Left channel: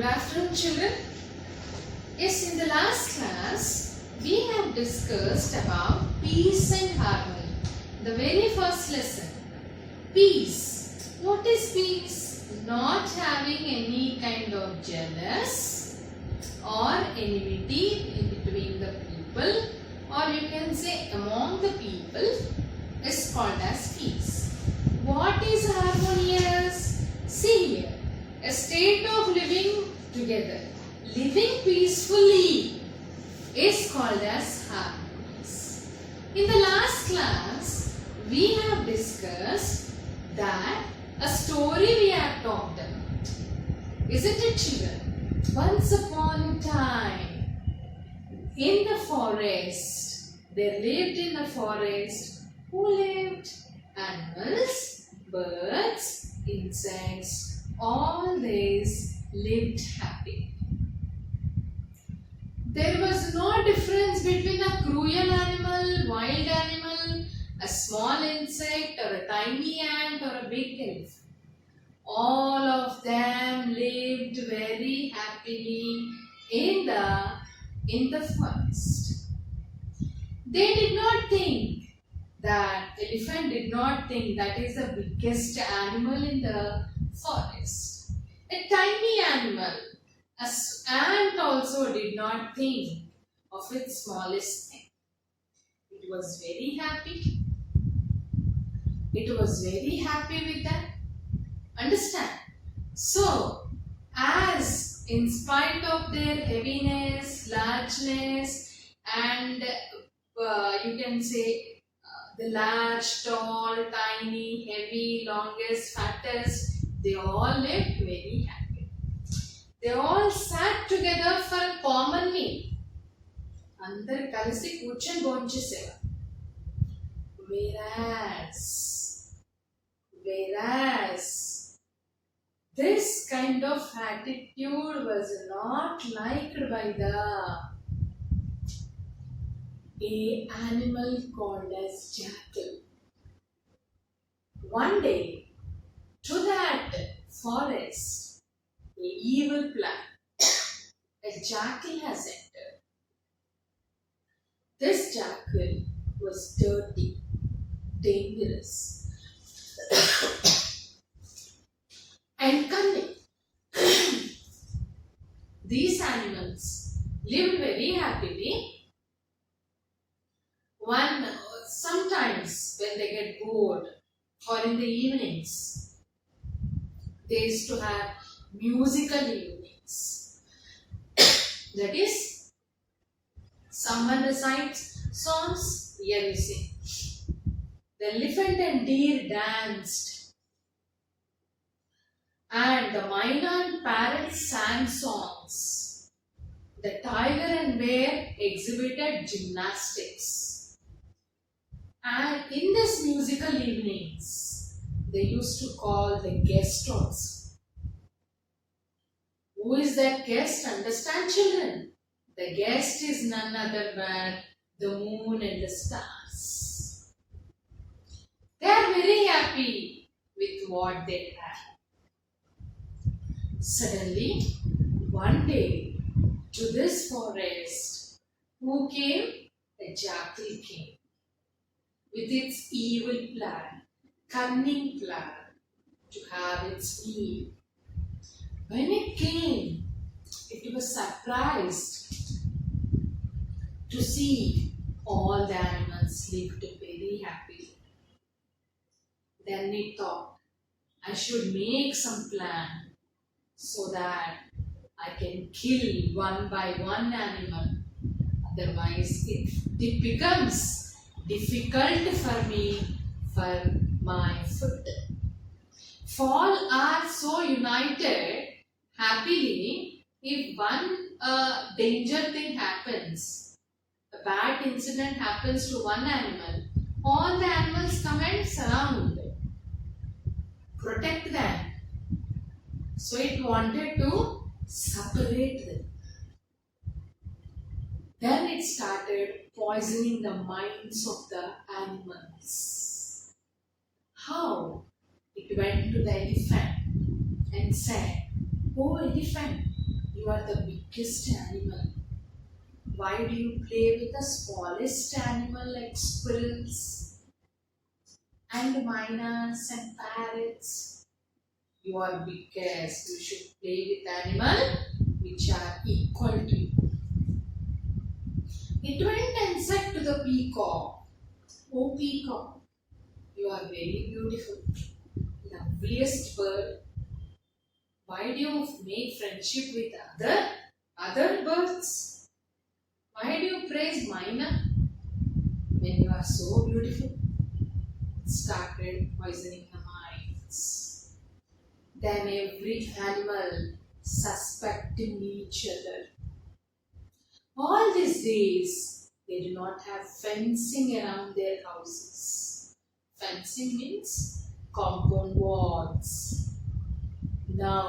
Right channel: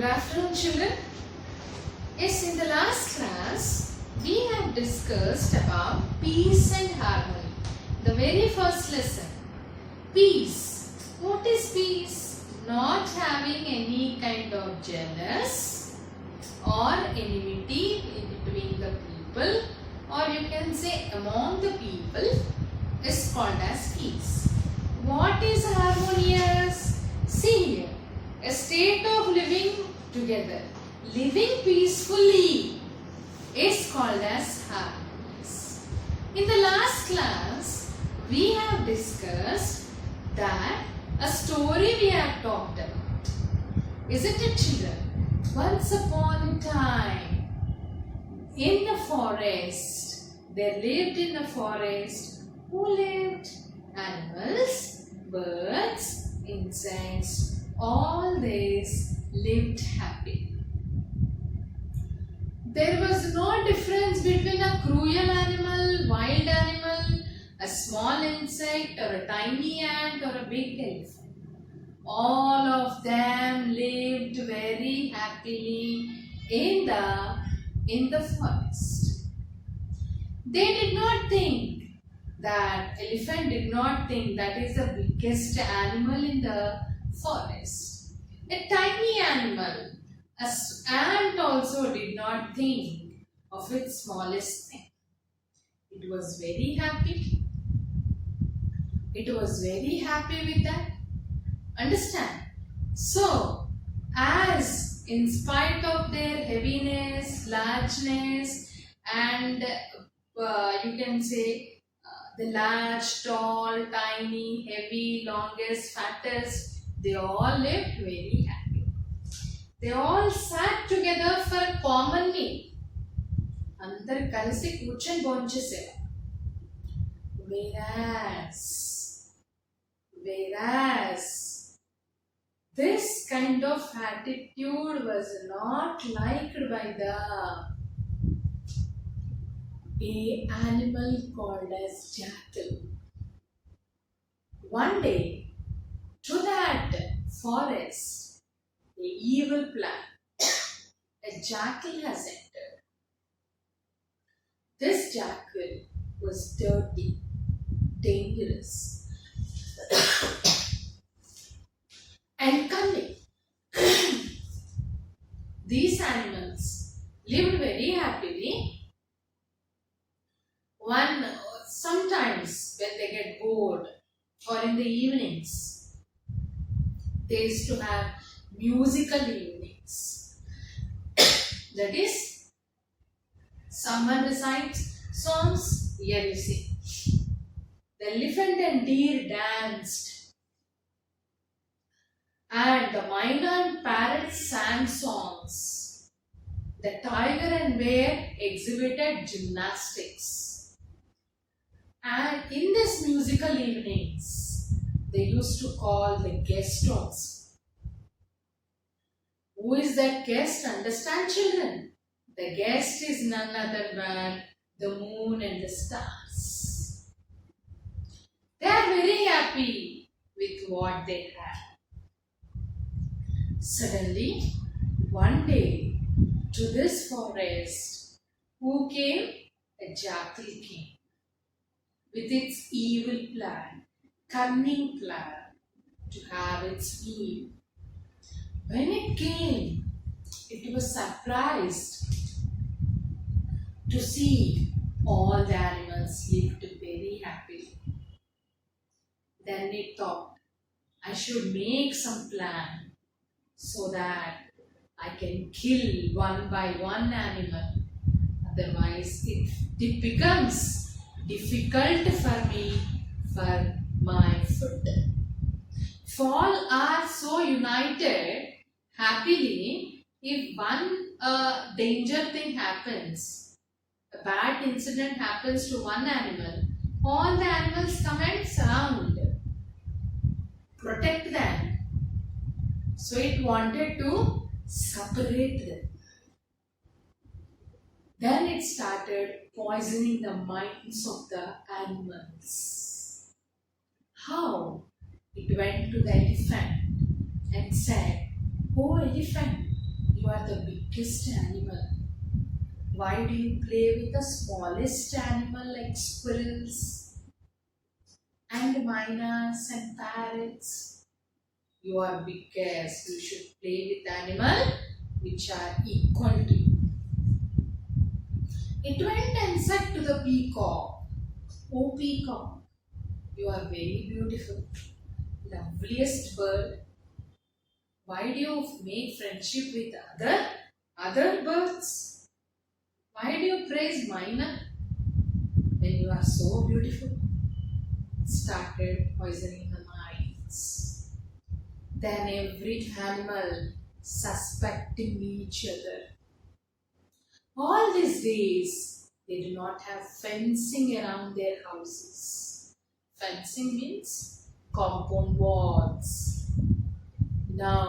Good afternoon, children. Yes, in the last class, we have discussed about peace and harmony. The very first lesson, peace. What is peace? Not having any kind of jealous or enmity in between the people, or you can say among the people, is called as peace. What is harmonious? See here, a state of living together, living peacefully is called as harmonious. In the last class, we have discussed that a story we have talked about. Isn't it, children? Once upon a time, in the forest, there lived in a forest who lived? Animals, birds, insects, all these lived happy. There was no difference between a cruel animal, wild animal, a small insect or a tiny ant or a big elephant. All of them lived very happily in the forest. They did not think that elephant did not think that is the biggest animal in the forest. A tiny animal, an ant also did not think of its smallest thing. It was very happy. It was very happy with that. Understand? So, as in spite of their heaviness, largeness, and you can say the large, tall, tiny, heavy, longest, fattest, they all lived very happy. They all sat together for a common meal. అందరు కలిసి కూర్చొని భోంచేసేవారు. Whereas this kind of attitude was not liked by a animal called as jackal. One day, to that forest, a evil plan, a jackal has entered. This jackal was dirty, dangerous, and cunning. These animals lived very happily. Sometimes when they get bored or in the evenings, they used to have musical evenings. That is, someone recites songs, here you sing. The elephant and deer danced, and the myna and parrot sang songs. The tiger and bear exhibited gymnastics. And in these musical evenings, they used to call the guest also. Who is that guest? Understand, children? The guest is none other than the moon and the stars. They are very happy with what they have. Suddenly, one day, to this forest, who came? A jackal came with its evil plan, cunning plan to have its meal. When it came, it was surprised to see all the animals lived very happily. Then it thought, I should make some plan so that I can kill one by one animal. Otherwise, it becomes difficult for me for my food. If all are so united happily, if one danger thing happens, a bad incident happens to one animal, all the animals come and surround, protect them. So it wanted to separate them. Then it started poisoning the minds of the animals. How? It went to the elephant and said, "Oh elephant, You are the biggest animal. Why do you play with the smallest animal like squirrels and miners and parrots? You are biggest. You should play with animals which are equal to you. It went and said to the peacock, "Oh peacock, you are very beautiful, loveliest bird. Why do you make friendship with other birds? Why do you praise myna when you are so beautiful?" Started poisoning the minds. Then every animal suspecting each other. All these days, they do not have fencing around their houses. Fencing means compound walls. Now,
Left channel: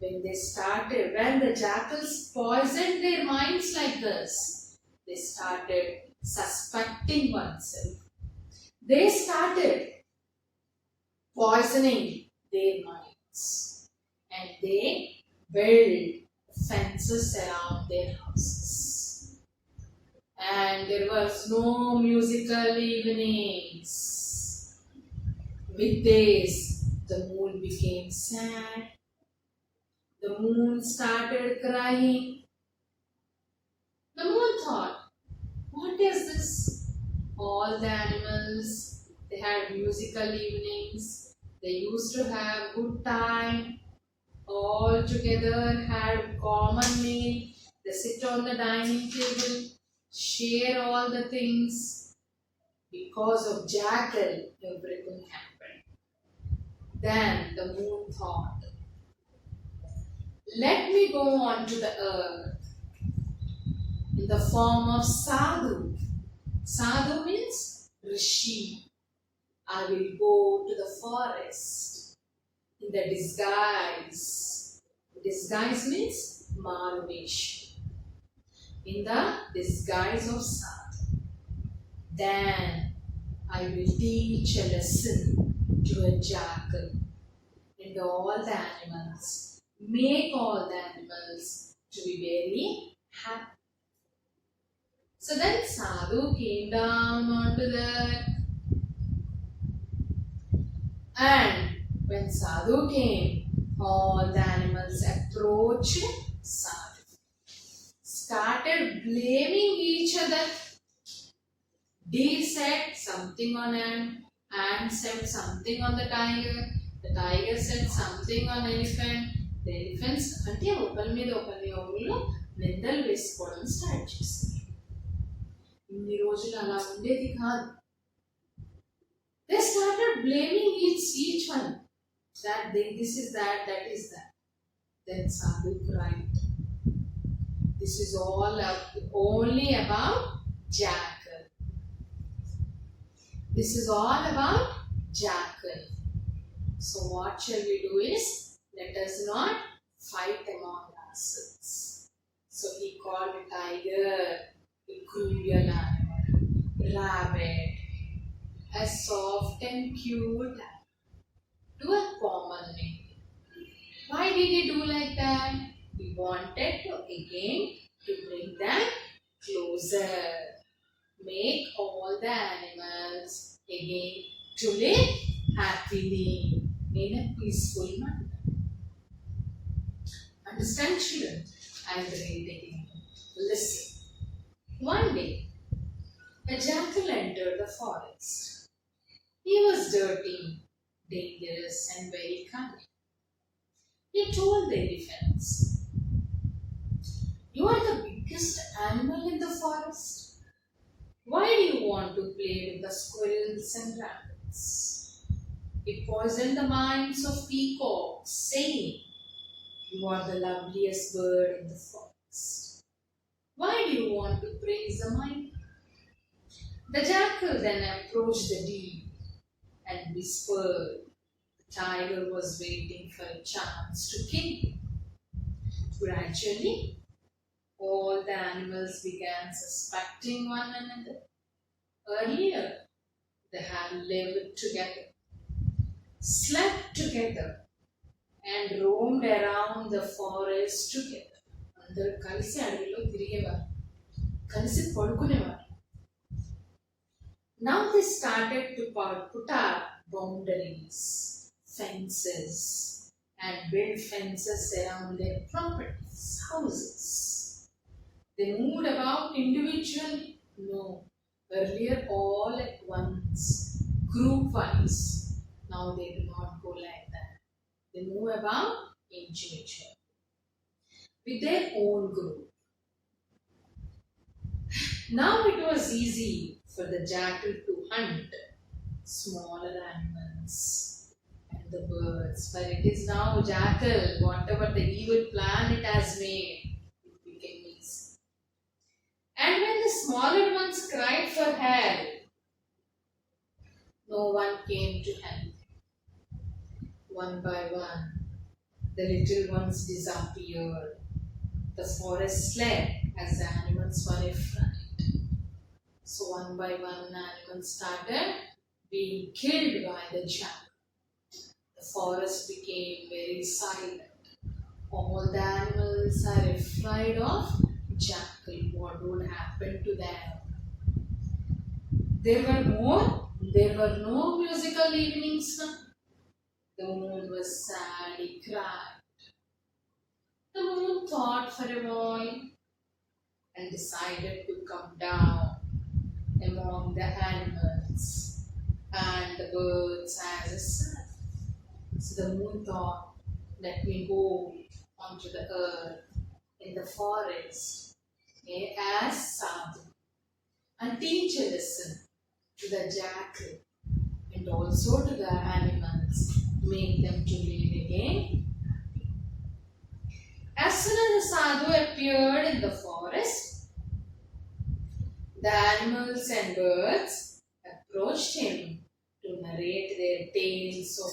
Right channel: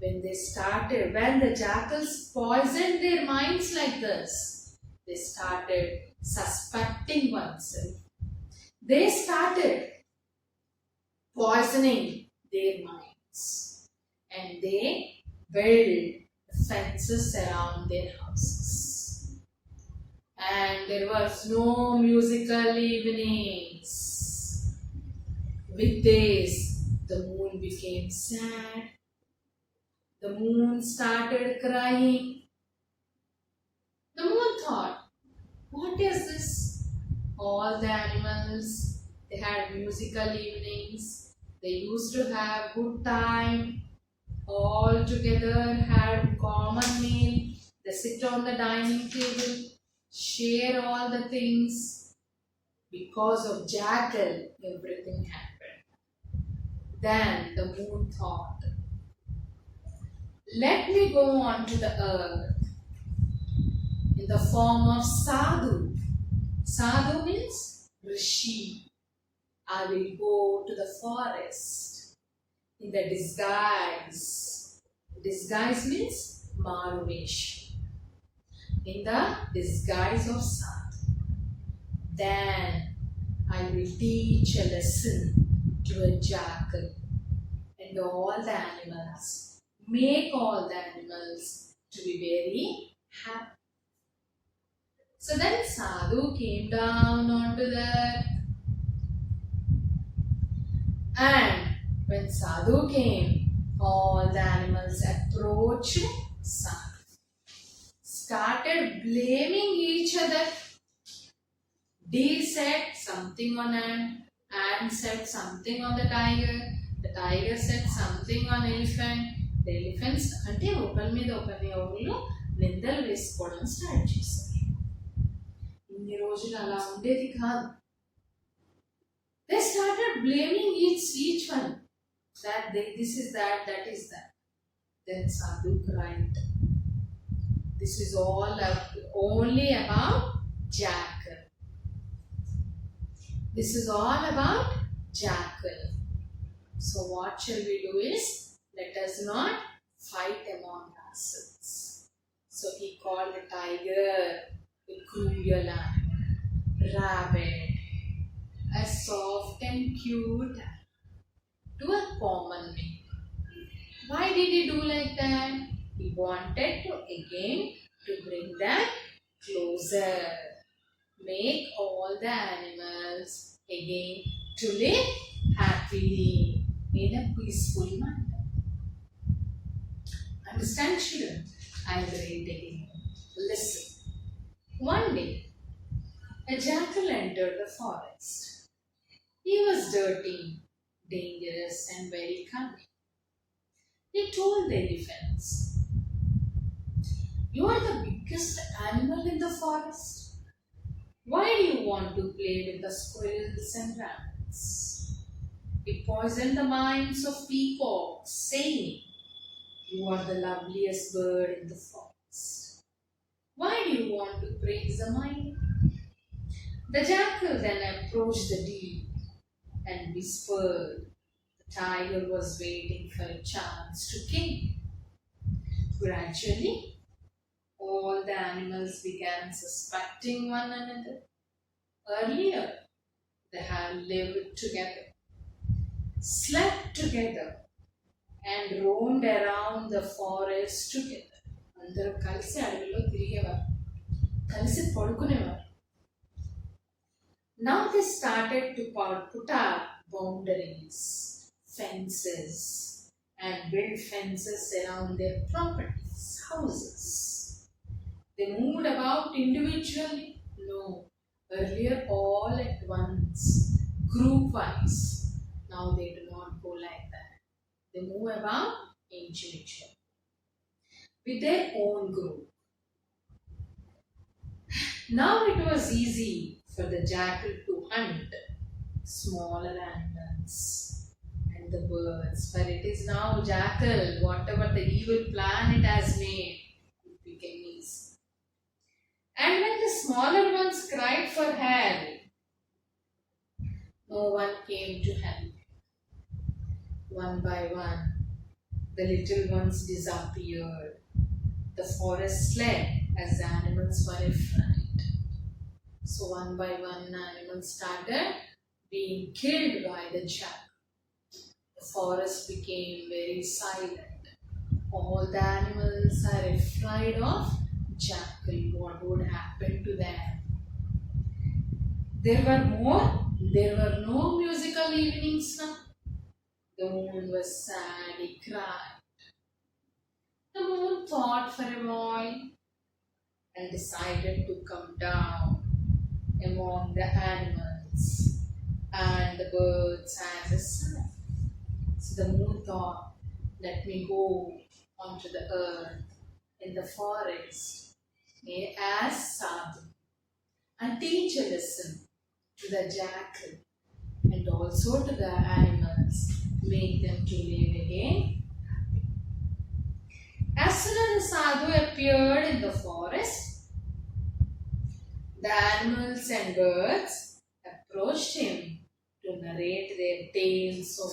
when the jackals poisoned their minds like this, they started suspecting oneself. They started poisoning their minds and they built fences around their houses. And there was no musical evenings. With this, the moon became sad. The moon started crying. The moon thought, "What is this? All the animals, they had musical evenings. They used to have good time. All together had common meal. They sit on the dining table, share all the things. Because of jackal, everything happened." Then the moon thought, "Let me go on to the earth in the form of sadhu." Sadhu means rishi. I will go to the forest in the disguise. Disguise means Maruvesh. In the disguise of sadhu. Then I will teach a lesson to a jackal and all the animals. Make all the animals to be very happy. So then Sadhu came down onto the earth. And when Sadhu came, all the animals approached Sadhu. Started blaming each other. Deer said something on ant said something on the tiger said something on elephant. The elephants అంటే ఒకరి మీద ఒకళ్ళు నిందలు వేసుకోవడం start చేశారు. ఇన్ని రోజులు అలా ఉండేది కాదు. They started blaming each one. This is that is that. Then Sadhu cried. This is all only about jackal. This is all about jackal. So what shall we do is, let us not fight among ourselves. So he called the tiger a cruel animal, rabbit, a soft and cute to a common man. Why did he do like that? He wanted to again to bring them closer, make all the animals again to live happily in a peaceful manner. Understand, children? I will read again. Listen. One day, a jackal entered the forest. He was dirty, dangerous, and very cunning. He told the elephants, "You are the biggest animal in the forest. Why do you want to play with the squirrels and rabbits?" He poisoned the minds of peacocks, saying, "You are the loveliest bird in the forest. Why do you want to praise the miner?" The jackal then approached the deer and whispered. The tiger was waiting for a chance to kill him. Gradually, all the animals began suspecting one another. Earlier, they had lived together, slept together, and roamed around the forest together. అందరూ కలిసి అడవిలో తిరిగేవారు, కలిసి పడుకునేవారు. Now they started to put up boundaries, fences, and build fences around their properties, houses. They moved about individually? No. Earlier, all at once, group wise. Now they do not go like that. They move about individually with their own group. Now it was easy for the jackal to hunt smaller animals and the birds, but it is now jackal, whatever the evil plan it has made, it became easy. And when the smaller ones cried for help, no one came to help. One by one, the little ones disappeared. The forest slept as the animals were afraid. So one by one, animals started being killed by the jackal. The forest became very silent. All the animals are afraid of jackal. What would happen to them? There were no musical evenings now. The moon was sad, he cried. The moon thought for a while and decided to come down among the animals and the birds as a sun. So the moon thought, let me go onto the earth in the forest as Sadhu and teach a lesson to the jackal and also to the animals, make them to live again happy. As soon as the Sadhu appeared in the forest, the animals and birds approached him to narrate their tales of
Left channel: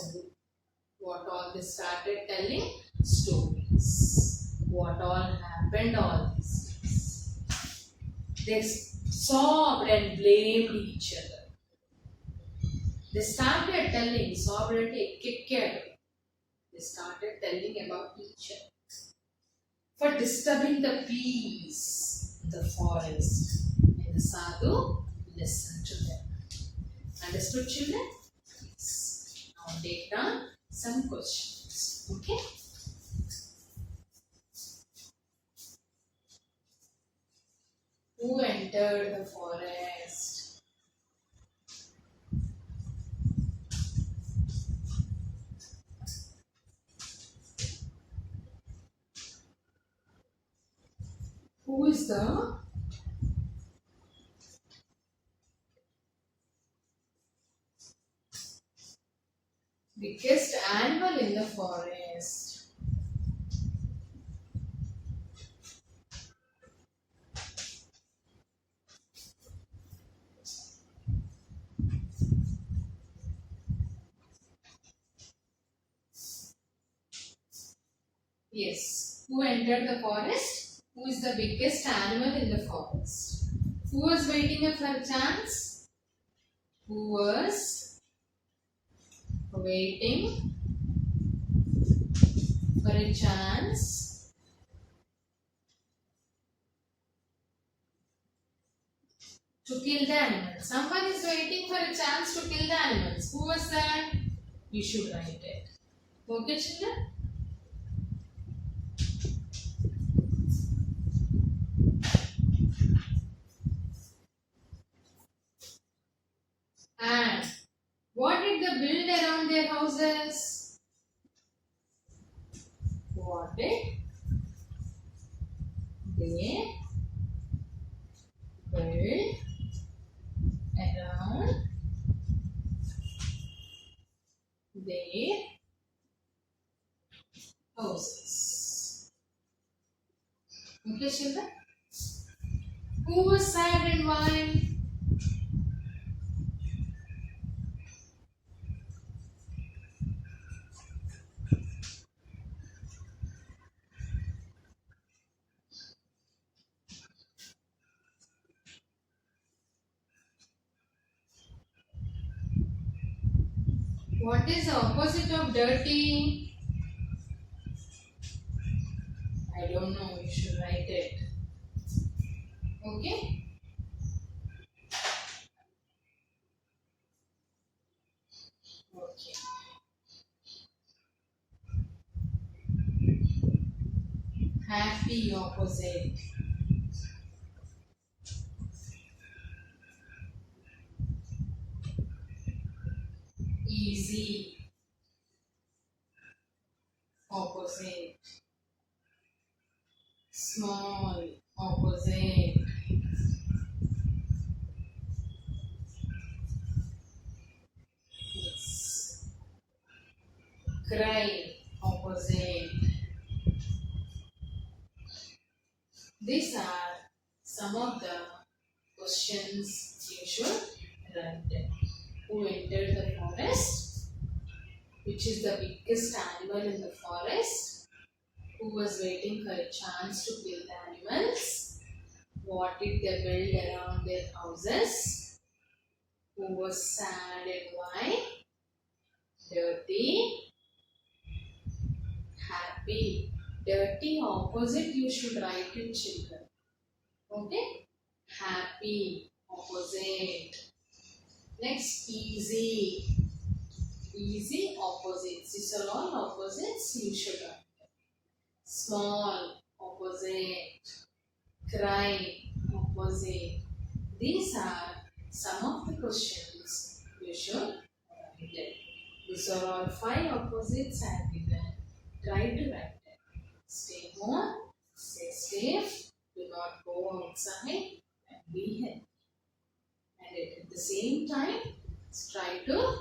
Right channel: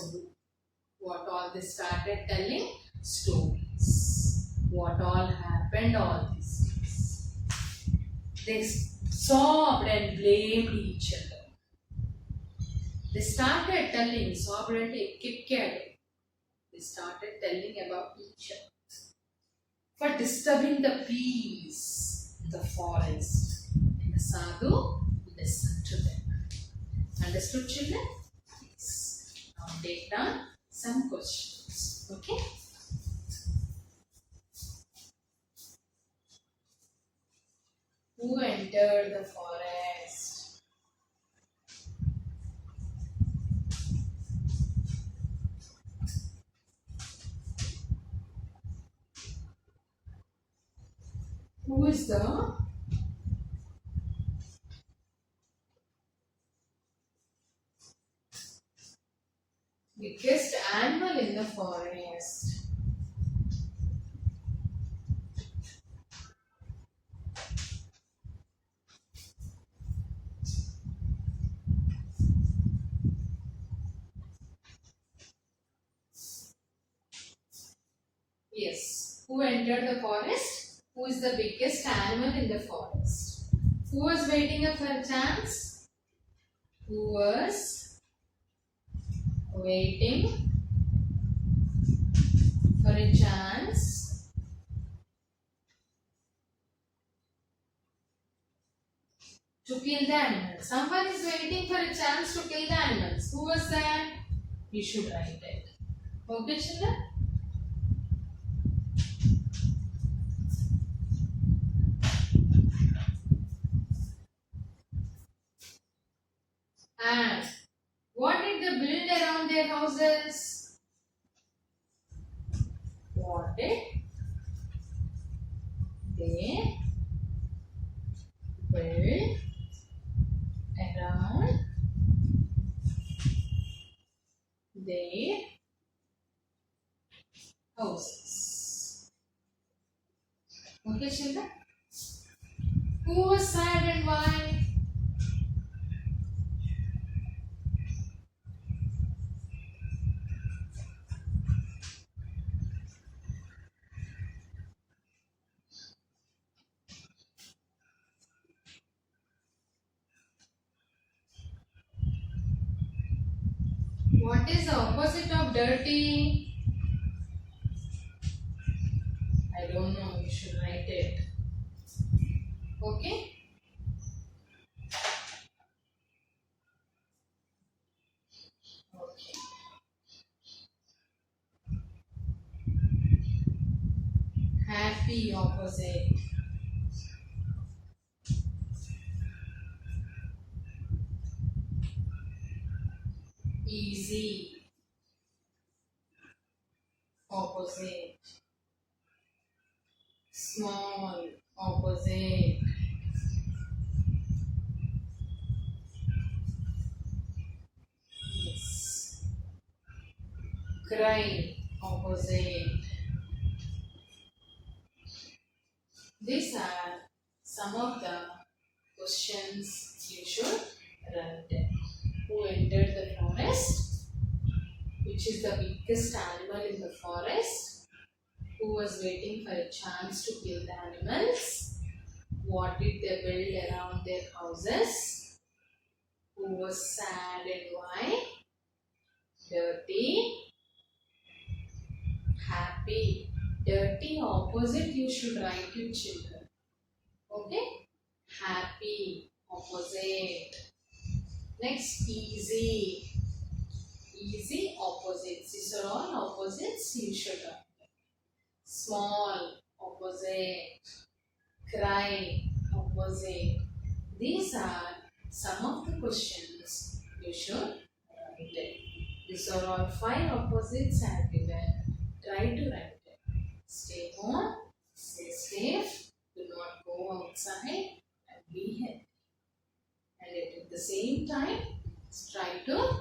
what all they started telling stories. What all happened all these days. They sobbed and blamed each other. They started telling, sobbed and kicked. They started telling about each other for disturbing the peace in the forest. The Sadhu listened to them. Understood, children? Yes. Now take down some questions. Okay? Who entered the forest? Who is the biggest animal in the forest? Yes. Who entered the forest? Who is the biggest animal in the forest? Who was waiting for a chance? Who was waiting for a chance to kill the animals? Someone is waiting for a chance to kill the animals. Who was that? You should write it. Okay, children? And what did they build around their houses? What did they build around their houses? Okay, children? Who was sad and why? What is the opposite of dirty? I don't know, you should write it. Okay? Okay. Happy opposite. Easy opposite. Small opposite. Yes. Cry opposite. These are some of the questions you should write. Who entered the forest? Which is the biggest animal in the forest? Who was waiting for a chance to kill the animals? What did they build around their houses? Who was sad and why? Dirty, happy. Dirty opposite you should write to children. Okay? Happy opposite. Next, easy. Easy opposites. These are all opposites you should write. Small opposite. Cry opposite. These are some of the questions you should write it. These are all 5 opposites I have given. Try to write it. Stay home, stay safe, do not go outside and be healthy. And at the same time, try to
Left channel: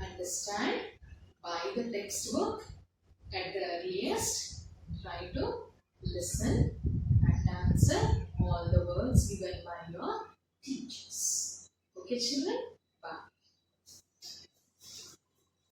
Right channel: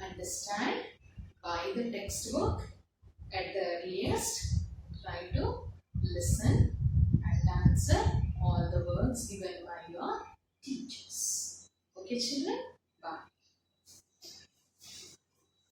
understand, buy the textbook at the earliest, try to listen and answer all the words given by your teachers. Okay children?